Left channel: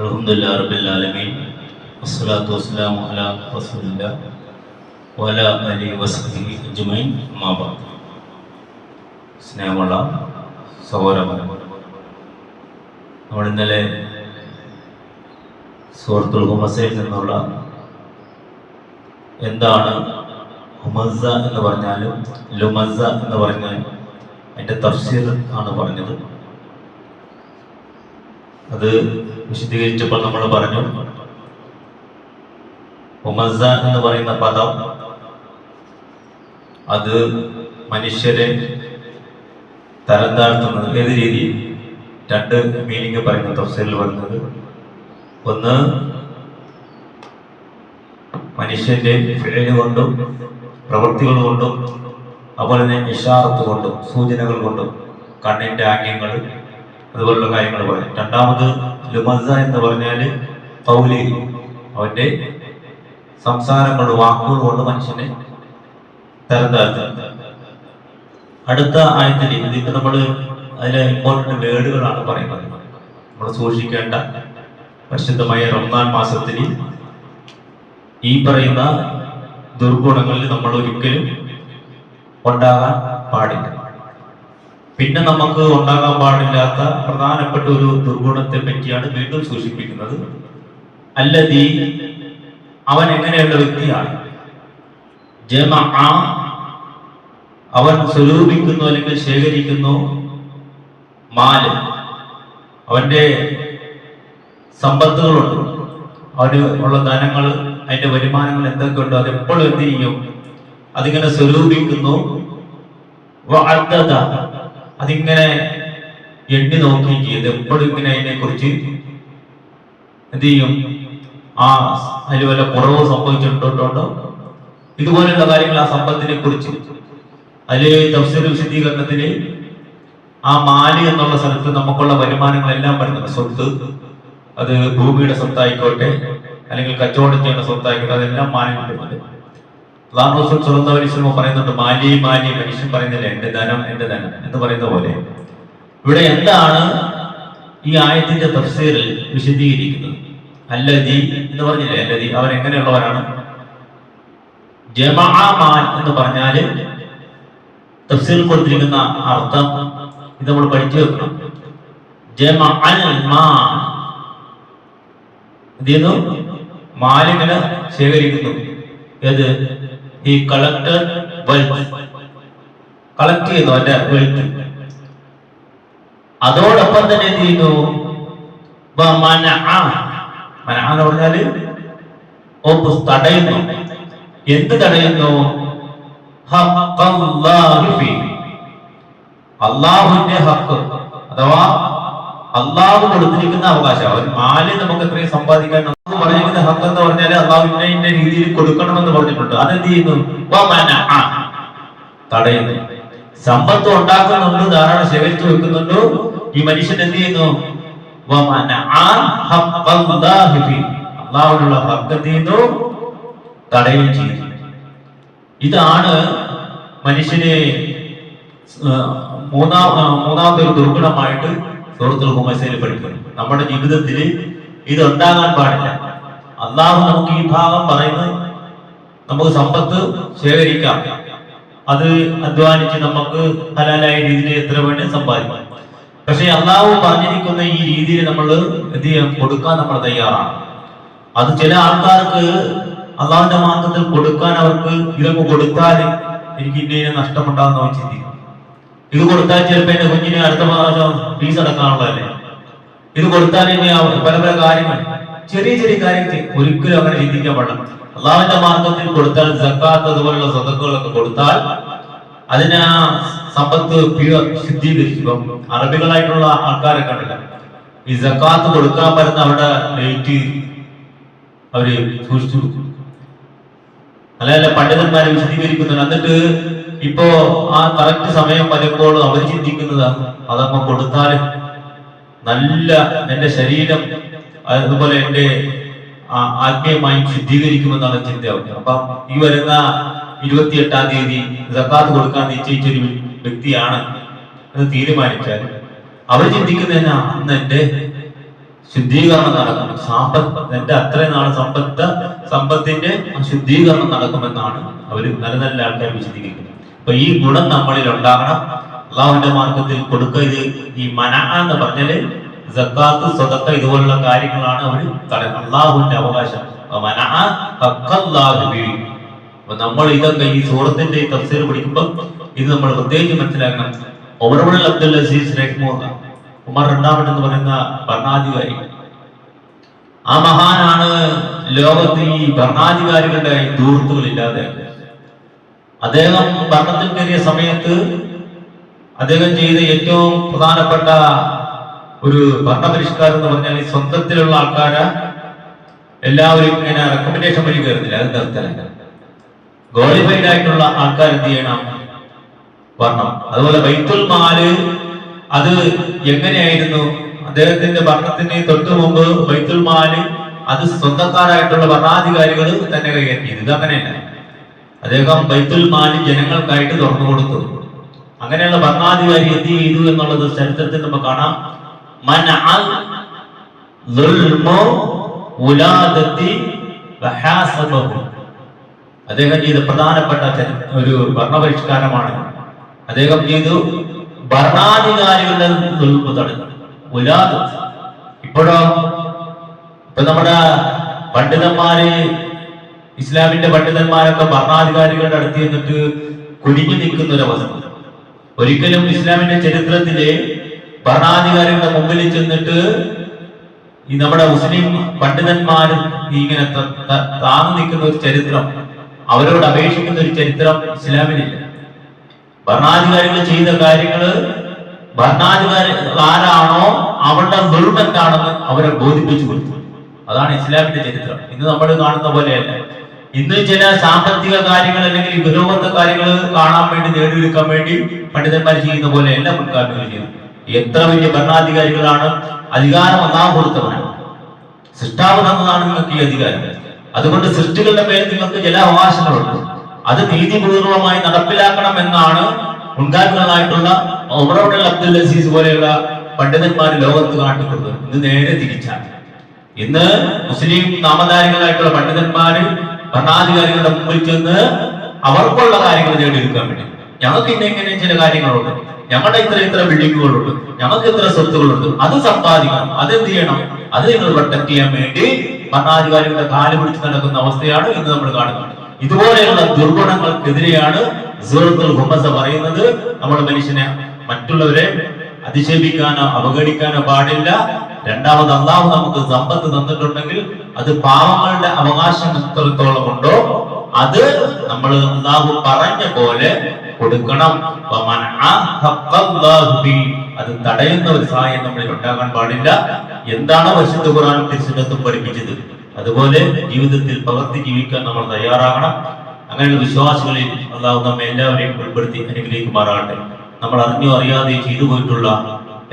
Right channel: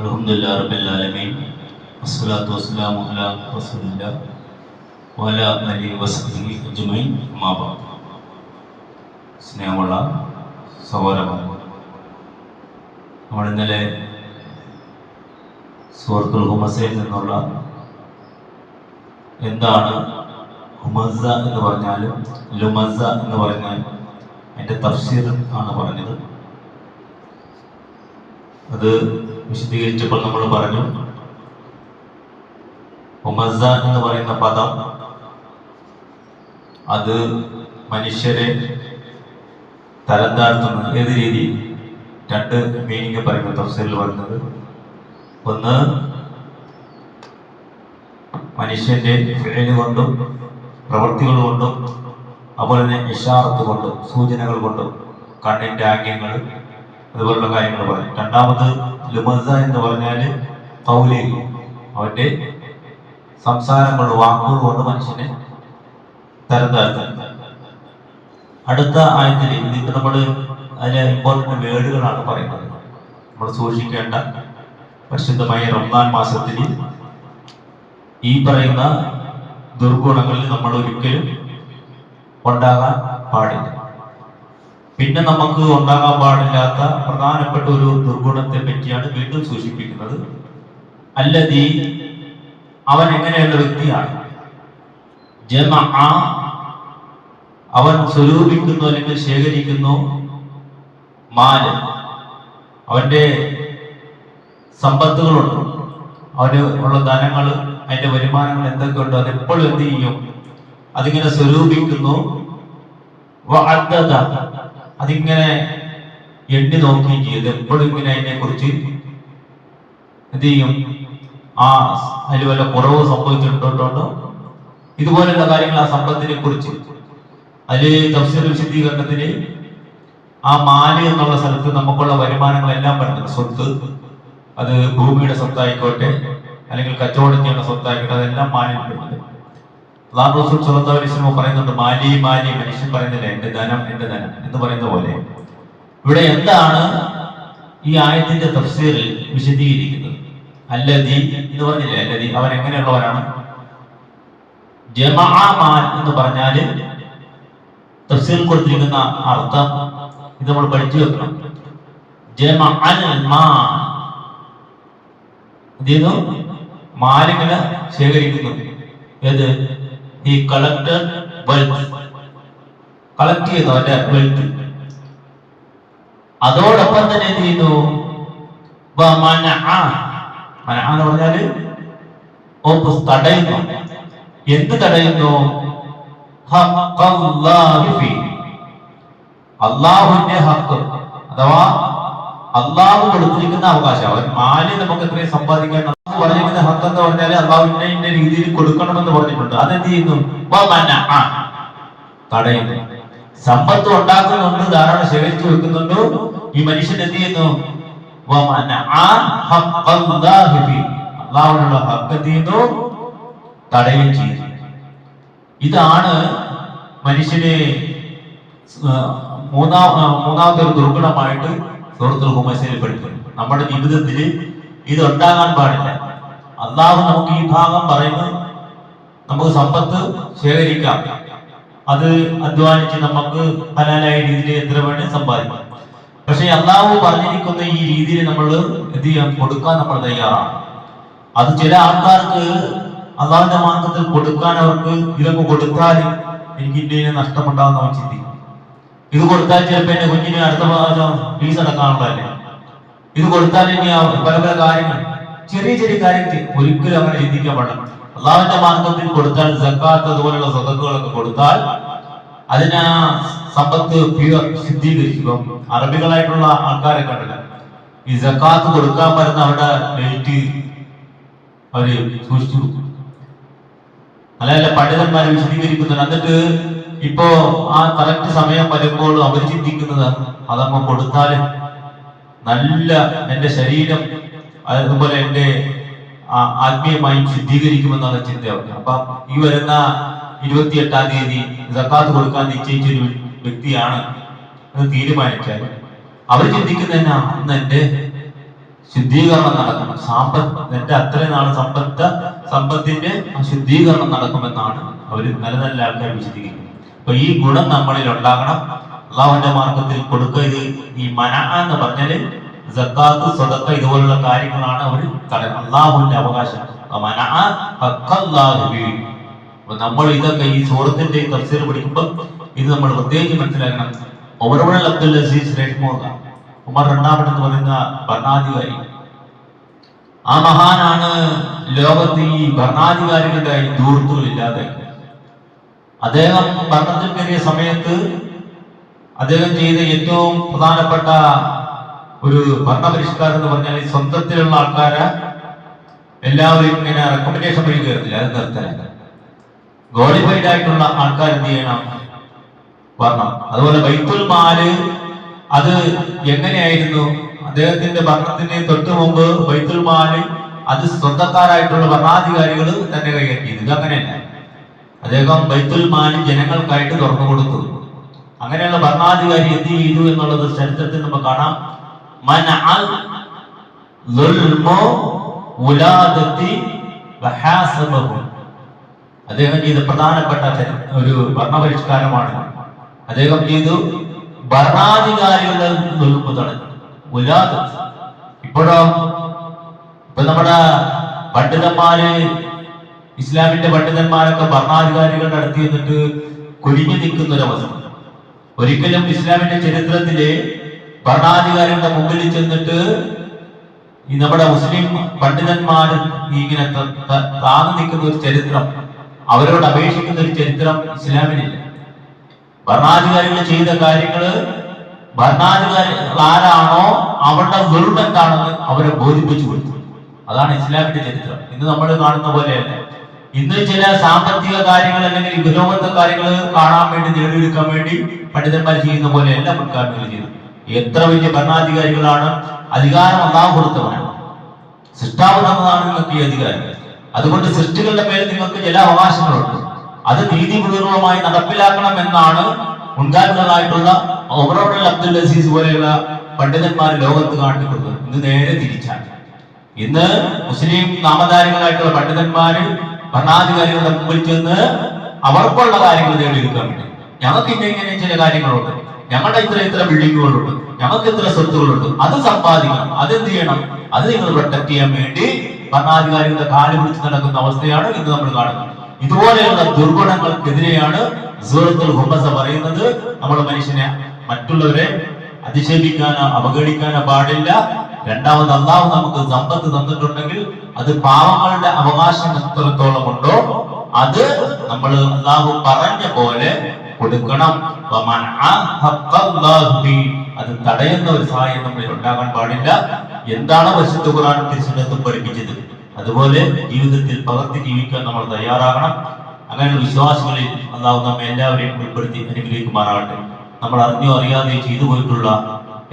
അൽഹംദുലില്ലാഹി റബ്ബിൽ ആലമീൻ വസ്സലാത്തു വസ്സലാമു അലാ റസൂലില്ലാഹി വഅലാ ആലിഹി വസഹ്ബിഹി അജ്മഈൻ. അമ്മാ ബഅദ്. സ്നേഹമുള്ള സഹോദരന്മാരെ, നമ്മൾ ഇന്നലെ സൂറത്തുൽ ഹുമസയിൽ നിന്നുള്ള എന്താണ് ഹുമസ എന്ന് പറഞ്ഞാലും ലുമസ എന്ന് പറഞ്ഞാൽ അതിൻ്റെ തഫ്സീർ ആണ് പറഞ്ഞത്. അത് വിശദീകരിച്ചപ്പോൾ നമ്മൾ പറഞ്ഞു, ഹുമസ എന്ന് പറയുന്ന പദം അത് മനുഷ്യരെ തരം താഴ്ത്തുന്നത്. ഏത് രീതിയിൽ? രണ്ട് മീനിങ് പറയുന്ന തഫ്സീറിൽ പറയുന്നത്, ഒന്ന് മനുഷ്യന്റെ ഫിഅല് കൊണ്ടും പ്രവൃത്തികൾ കൊണ്ടും അതുപോലെ തന്നെ ഇഷാറത്ത് കൊണ്ടും സൂചനകൾ കൊണ്ടും കണ്ണിന്റെ ആംഗ്യങ്ങൾ അതുപോലുള്ള കാര്യങ്ങൾ പറയും. രണ്ടാമത് ലുമസ എന്ന് പറഞ്ഞാൽ ഖൗലി, അവന്റെ സംസാരങ്ങൾ വാക്കുകൾ കൊണ്ട് മനുഷ്യനെ തരം താഴ്ത്തുന്നത്. അടുത്ത ആയത്തിൽ ഇതിപ്പോ നമ്മൾ അതിലെ ഇമ്പോർട്ടന്റ് വേർഡുകളാണ് പറയുന്നത്. നമ്മൾ സൂക്ഷിക്കേണ്ട പരിശുദ്ധമായ റമദാൻ മാസത്തിൽ ഈ പറയുന്ന ദുർഗുണങ്ങളിൽ നമ്മൾ ഒരിക്കലും ഉണ്ടാകാൻ പാടില്ല. പിന്നെ നമുക്ക് ഉണ്ടാകാൻ പാടില്ലാത്ത പ്രധാനപ്പെട്ട ഒരു ദുർഗുണത്തെ പറ്റിയാണ് വീണ്ടും സൂചിപ്പിക്കുന്നത്. അല്ലദീ, അവൻ എങ്ങനെയുള്ള വ്യക്തിയാണ്? ജമഅ, അവൻ സ്വരൂപിക്കുന്നു അല്ലെങ്കിൽ ശേഖരിക്കുന്നു മാല്, അവന്റെ സമ്പത്തുകളുണ്ട്, അവന് ഉള്ള ധനങ്ങൾ, അതിന്റെ വരുമാനങ്ങൾ എന്തൊക്കെയുണ്ടോ അതെപ്പോഴും എന്ത് ചെയ്യും? അതിങ്ങനെ സ്വരൂപിക്കുന്നു. അതിങ്ങനെ എണ്ണി നോക്കുകയും ചെയ്ത് എപ്പോഴും ഇങ്ങനെ അതിനെ കുറിച്ച് എന്ത് ചെയ്യും? അതിൽ വല്ല കുറവ് സംഭവിച്ചിട്ടുണ്ടോ, ഇതുപോലെയുള്ള കാര്യങ്ങൾ ആ സമ്പത്തിനെ കുറിച്ച്. അതിൽ തഫ്സീർ വിശദീകരണത്തിന് ആ മാല് എന്നുള്ള സ്ഥലത്ത് നമുക്കുള്ള വരുമാനങ്ങളെല്ലാം പറയുന്നത്, സ്വത്ത്, അത് ഭൂമിയുടെ സ്വത്തായിക്കോട്ടെ അല്ലെങ്കിൽ കച്ചവടം ചെയ്യുന്ന സ്വത്തായിക്കോട്ടെ, അതെല്ലാം മാലിൽ പെടുന്നത്. അല്ലാഹു റസൂൽ സ്വല്ലല്ലാഹു അലൈഹി വസല്ലം പറയുന്നുണ്ട്, മാലി മാലി, മനുഷ്യൻ പറയുന്നില്ല എന്റെ ധനം എന്റെ ധനം എന്ന് പറയുന്ന പോലെ. ഇവിടെ എന്താണ് ഈ ആയത്തിന്റെ തഫ്സീറിൽ വിശദീകരിക്കുന്നത്? അല്ലദീ എന്ന് പറഞ്ഞില്ലേ, അല്ലദീ അവൻ എങ്ങനെയുള്ളവരാണ്? ജമഅ മാൽ എന്ന് പറഞ്ഞാല് തഫ്സീറിൽ കൊടുത്തിരിക്കുന്ന അർത്ഥം ഇത് നമ്മൾ പഠിച്ചു വെക്കണം. ജമഅൽ മാൽ, എന്ത് ചെയ്യുന്നു? മാലിങ്ങനെ ശേഖരിക്കുന്നു. ഏത്? ഈ കളക്ടർ വെൽത്ത്, കളക്ട് ചെയ്യുന്നു അവന്റെ വെൽത്ത്. അതോടൊപ്പം തന്നെ എന്ത് ചെയ്യുന്നു? എന്ന് പറഞ്ഞാല് തടയുന്നു. എന്ത് തടയുന്നു? അള്ളാഹുവിന്റെ ഹക്ക്, അഥവാ അള്ളാഹു കൊടുത്തിരിക്കുന്ന അവകാശം. അവൻ മാല് നമുക്ക് എത്രയും സമ്പാദിക്കാൻ പറഞ്ഞിരിക്കുന്ന ഹക്ക് എന്ന് പറഞ്ഞാൽ അള്ളാഹുവിന്റെ രീതിയിൽ കൊടുക്കണമെന്ന് പറഞ്ഞിട്ടുണ്ട്. അതെന്ത് ചെയ്യുന്നു? തടയുന്നു. സമ്പത്ത് ഉണ്ടാക്കുന്നുണ്ട്, ധാരാളം ശേഖരിച്ചു വെക്കുന്നുണ്ട്. ഈ മനുഷ്യൻ എന്ത് ചെയ്യുന്നു? അള്ളാഹുവിനുള്ള ഹക്ക് എന്ത് ചെയ്യുന്നു? തടയുകയും ചെയ്യുന്നു. ഇതാണ് മനുഷ്യന് മൂന്നാമത്തെ ഒരു ദുർഗുണമായിട്ട് സൂറത്തുൽ ഹുമസയിൽ പഠിക്കുന്നത്. നമ്മുടെ ജീവിതത്തിൽ ഇത് ഉണ്ടാകാൻ പാടില്ല. അള്ളാഹു നമുക്ക് ഈ ഭാഗം പറയുന്നത്, നമുക്ക് സമ്പത്ത് ശേഖരിക്കാം, അത് അധ്വാനിച്ച് നമുക്ക് ഹലാലായ രീതിയിൽ എത്ര വേണ്ടി സമ്പാദിക്കാം. പക്ഷെ അള്ളാഹു പറഞ്ഞിരിക്കുന്ന ഈ രീതിയിൽ നമ്മൾ എന്ത് ചെയ്യാൻ? കൊടുക്കാൻ നമ്മൾ തയ്യാറാണ്. അത് ചില ആൾക്കാർക്ക് അള്ളാഹുവിന്റെ മാർഗത്തിൽ കൊടുക്കാൻ അവർക്ക് ഇതൊക്കെ കൊടുത്താൽ എനിക്ക് ഇന്ത്യയെ നഷ്ടമുണ്ടാകുന്ന അവൻ ചിന്തിക്കും. ഇത് കൊടുത്താൽ ചിലപ്പോൾ എന്റെ കുഞ്ഞിന് അടുത്ത പ്രാവശ്യം ഫീസ് അടക്കാനുള്ളതല്ലേ, ഇത് കൊടുത്താൽ ഇനി പല പല കാര്യങ്ങൾ, ചെറിയ ചെറിയ കാര്യങ്ങൾ ഒരിക്കലും അങ്ങനെ ചിന്തിക്കാൻ പാടില്ല. അള്ളാഹുവിന്റെ മാർഗത്തിൽ കൊടുത്താൽ, സക്കാത്ത് അതുപോലുള്ള സ്വതക്കുകളൊക്കെ കൊടുത്താൽ അതിന് ആ സമ്പത്ത് ശുദ്ധീകരിക്കും. അറബികളായിട്ടുള്ള ആൾക്കാരെ കണ്ടില്ല, ഈ സക്കാത്ത് കൊടുക്കാൻ വരുന്ന അവിടെ ഡേറ്റ് അവര് സൂക്ഷിച്ചു കൊടുക്കും. അല്ല പണ്ഡിതന്മാരെ വിശദീകരിക്കുന്നുണ്ട്. എന്നിട്ട് ഇപ്പോ ആ കറക്റ്റ് സമയം വരുമ്പോൾ അവർ ചിന്തിക്കുന്നത് അതങ്ങ് കൊടുത്താൽ നല്ല എന്റെ ശരീരം അതുപോലെ എന്റെ ആത്മീയമായി ശുദ്ധീകരിക്കുമെന്നാണ് ചിന്ത. അപ്പൊ ഈ വരുന്ന 28-ാം തീയതി സക്കാത്ത് കൊടുക്കാൻ നിശ്ചയിച്ചൊരു വ്യക്തിയാണ് എന്ന് തീരുമാനിച്ചാൽ അവർ ചിന്തിക്കുന്നതിനാ അന്ന് എന്റെ ശുദ്ധീകരണം നടക്കണം. എന്റെ അത്രയും നാൾ സമ്പത്തിന്റെ ശുദ്ധീകരണം നടക്കുമെന്നാണ് അവര് നല്ല നല്ല ആൾക്കാർ വിശദീകരിക്കുന്നത്. അപ്പൊ ഈ ഗുണം നമ്മളിൽ ഉണ്ടാകണം. അള്ളാഹുവിന്റെ മാർഗത്തിൽ കൊടുക്കുക. ഇത് ഈ മന എന്ന് പറഞ്ഞാല് സക്കാത്ത്, സദഖ ഇതുപോലുള്ള കാര്യങ്ങളാണ് അവർ അള്ളാഹുവിന്റെ അവകാശം. അപ്പൊ നമ്മൾ ഇതൊക്കെ ഈ സൂറത്തിന്റെ തഫ്സീർ പഠിക്കുമ്പോൾ ഇത് നമ്മൾ പ്രത്യേകിച്ച് മനസ്സിലാക്കണം. ഓവർവൾ അബ്ദുൽ അസീസ് റഹ്മുല്ല, ഉമർ രണ്ടാമൻ പറയുന്ന ഭരണാധികാരി, ആ മഹാനാണ് ലോകത്ത് ഈ ഭരണാധികാരികളുടെ ദൂർത്തുകളില്ലാതെ. അദ്ദേഹം ഭരണത്തിൽ കയറിയ സമയത്ത് അദ്ദേഹം ചെയ്ത ഏറ്റവും പ്രധാനപ്പെട്ട ഒരു ഭരണപരിഷ്കാരം എന്ന് പറഞ്ഞാൽ സ്വന്തത്തിലുള്ള ആൾക്കാരെ എല്ലാവരും ഇങ്ങനെ റെക്കമെൻഡേഷൻ വഴി കയറുന്നില്ല, അത് നിർത്തല. ക്വാളിഫൈഡ് ആയിട്ടുള്ള ആൾക്കാർ എന്ത് ചെയ്യണം, വരണം. അതുപോലെ ബൈത്തുൽ മാല് അത് എങ്ങനെയായിരുന്നു, അദ്ദേഹത്തിന്റെ ഭരണത്തിന് തൊട്ടു മുമ്പ് ബൈത്തുൽ മാല് അത് സ്വന്തക്കാരായിട്ടുള്ള ഭരണാധികാരികൾ തന്നെ കൈകാര്യം ചെയ്തു. ഇത് അങ്ങനെയല്ല. അദ്ദേഹം ബൈത്തുൽ മാല് ജനങ്ങൾക്കായിട്ട് തുറന്നു കൊടുത്തു. അങ്ങനെയുള്ള ഭരണാധികാരി എന്ത് ചെയ്തു എന്നുള്ളത് ചരിത്രത്തിൽ നമുക്ക് കാണാം. അദ്ദേഹം ചെയ്ത പ്രധാനപ്പെട്ട ഒരു ഭരണപരിഷ്കാരമാണ്. അദ്ദേഹം ചെയ്തു ഭരണാധികാരികളുടെ തടഞ്ഞു. ഇപ്പോഴോ ഇപ്പൊ നമ്മുടെ പണ്ഡിതന്മാര്, ഇസ്ലാമിന്റെ പണ്ഡിതന്മാരൊക്കെ ഭരണാധികാരികളുടെ അടുത്ത് നിന്നിട്ട് കുനിഞ്ഞു നിൽക്കുന്ന ഒരവസ്ഥ. ഒരിക്കലും ഇസ്ലാമിന്റെ ചരിത്രത്തിലെ ഭരണാധികാരികളുടെ മുമ്പിൽ ചെന്നിട്ട് ഈ നമ്മുടെ മുസ്ലിം പണ്ഡിതന്മാര് ഇങ്ങനെ താന്നു നിൽക്കുന്ന ഒരു ചരിത്രം, അവരോട് അപേക്ഷിക്കുന്ന ഒരു ചരിത്രം ഇസ്ലാമിലില്ല. ഭരണാധികാരികൾ ചെയ്ത കാര്യങ്ങള് ഭരണാധികാരികൾ ആരാണോ അവരുടെ ദുർബന്ധാണെന്ന് അവരെ ബോധിപ്പിച്ചു കൊടുത്തു. അതാണ് ഇസ്ലാമിന്റെ ചരിത്രം. ഇന്ന് നമ്മൾ കാണുന്ന പോലെയല്ല. ഇന്ന് ചില സാമ്പത്തിക കാര്യങ്ങൾ അല്ലെങ്കിൽ ഉപരോധ കാര്യങ്ങൾ കാണാൻ വേണ്ടി, നേടിയെടുക്കാൻ വേണ്ടി പണ്ഡിതന്മാർ ചെയ്യുന്ന പോലെ എല്ലാ മുൻകാലങ്ങൾ ചെയ്യുന്നത്. എത്ര വലിയ ഭരണാധികാരികളാണ്, അധികാരം അല്ലാഹു കൊടുത്തവനാണ്, സൃഷ്ടാവ് തന്നതാണ് നിങ്ങൾക്ക് ഈ അധികാരം. അതുകൊണ്ട് സൃഷ്ടികളുടെ പേരിൽ നിങ്ങൾക്ക് ചില അവകാശങ്ങളുണ്ട്, അത് നീതിപൂർവമായി നടപ്പിലാക്കണം എന്നാണ് മുൻകാലങ്ങളായിട്ടുള്ള ഉമർ അബ്ദുൽ അസീസ് പോലെയുള്ള പണ്ഡിതന്മാർ ലോകത്ത് കാട്ടിക്കൊടുത്തത്. ഇത് നേരെ തിരിച്ചാണ്. ഇന്ന് മുസ്ലിം നാമധാരികളായിട്ടുള്ള പണ്ഡിതന്മാര് ഭരണാധികാരികളുടെ മുമ്പിൽ ചെന്ന് അവർക്കുള്ള കാര്യങ്ങൾ നേടിയെടുക്കാൻ വേണ്ടി, ഞങ്ങൾക്ക് ഇങ്ങനെ ചില കാര്യങ്ങളുണ്ട്, ഞങ്ങളുടെ ഇത്ര ബിൽഡിങ്ങുകളുണ്ട്, ഞങ്ങൾക്ക് ഇത്ര സ്വത്തുകളുണ്ട്, അത് സമ്പാദിക്കണം, അതെന്ത് ചെയ്യണം, അത് നിങ്ങൾ പ്രൊട്ടക്ട് ചെയ്യാൻ വേണ്ടി ഭരണാധികാരികളുടെ കാല് പിടിച്ച് നടക്കുന്ന അവസ്ഥയാണ് ഇന്ന് നമ്മൾ കാണുന്നത്. ഇതുപോലെയുള്ള ദുർഗുണങ്ങൾക്കെതിരെയാണ് സൂറത്തുൽ ഹുമസ പറയുന്നത്. നമ്മൾ മനുഷ്യനെ മറ്റുള്ളവരെ അധിക്ഷേപിക്കാനോ അവഗണിക്കാനോ പാടില്ല. രണ്ടാമത് അള്ളാഹു നമുക്ക് സമ്പത്ത് തന്നിട്ടുണ്ടെങ്കിൽ അത് പാവങ്ങളുടെ അവകാശം എത്രത്തോളം ഉണ്ടോ അത് നമ്മൾ അള്ളാഹു പറഞ്ഞ പോലെ കൊടുക്കണം. അത് തടയുന്ന ഒരു സഹായം നമ്മളിൽ ഉണ്ടാകാൻ പാടില്ല. എന്താണ് വിശുദ്ധ ഖുർആൻ തിരുസുന്നത്തും പഠിപ്പിച്ചത് അതുപോലെ ജീവിതത്തിൽ പകർത്തി ജീവിക്കാൻ നമ്മൾ തയ്യാറാകണം. അങ്ങനെയുള്ള വിശ്വാസികളിൽ അള്ളാഹു നമ്മെ എല്ലാവരെയും ഉൾപ്പെടുത്തി അനുഗ്രഹിക്കുമാറാകട്ടെ. നമ്മൾ അറിഞ്ഞോ അറിയാതെ ചെയ്തു പോയിട്ടുള്ള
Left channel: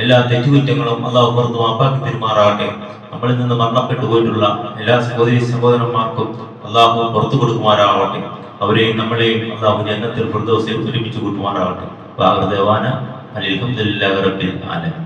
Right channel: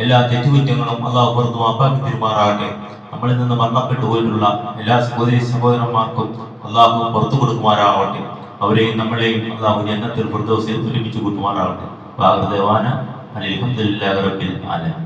എല്ലാ തെറ്റുകുറ്റങ്ങളും അള്ളാഹു പുറത്തു മാപ്പാക്കി തരുമാറാകട്ടെ. നമ്മളിൽ നിന്ന് മരണപ്പെട്ടു പോയിട്ടുള്ള എല്ലാ സഹോദരി സഹോദരന്മാർക്കും അള്ളാഹു പുറത്തു കൊടുക്കുമാറാകട്ടെ. അവരെയും നമ്മളെയും അള്ളാഹു ജന്നത്തുൽ ഫിർദൗസിൽ ഒരുമിച്ച് കൂട്ടുമാറാകട്ടെ. അൽഹംദുലില്ലാഹി റബ്ബിൽ ആലമീൻ.